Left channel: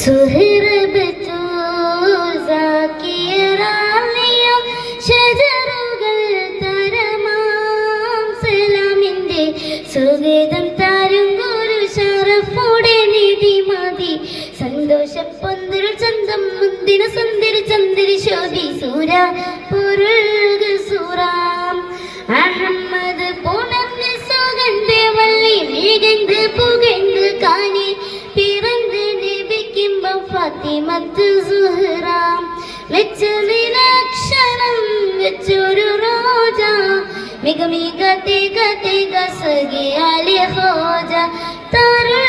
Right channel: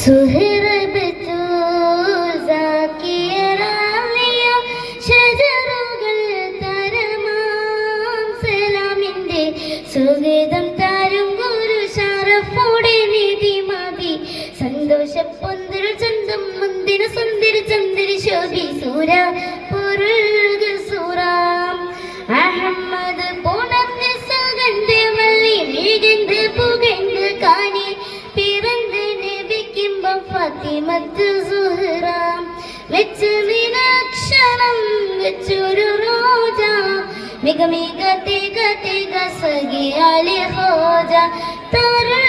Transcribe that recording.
സുഹറ ബത്തൂൽ സാക്കിയറാലിയ ഷജറുകൾ തരമാം സലാമിന്റെ സുഗതം തരും ഗുരു ഷറഫോടെ നിധി മതി സന്തോഷ പൊന്തൽ ചന്തം മുന്തിര സുന്ദര ചന്ദ്ര ശോഭി സൂര പൊരുൾക സൂറാം അഹമ്മദ് പുണർന്ന് സുഗന്ധ വള്ളി മികந்து പുകഴ്ந்து കാനി പിറந்து നബിക്കിമ്പം ഫാത്തിമത്ത് സുഹറ വെച്ചതിലക്ഷണം വെച്ചൊരു റോജ മിക മിക തിക തിക സഖി അലി ഹോജ തരുൾ